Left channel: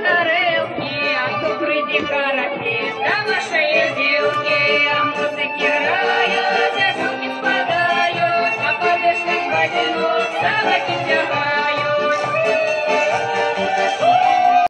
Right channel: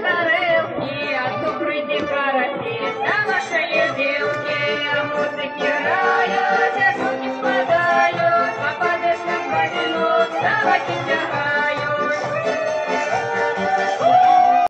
на рилки, а то прийди караки, та нашої білки, а музики грають, як руки спадають, а падеш не впадінок, салаки тягають.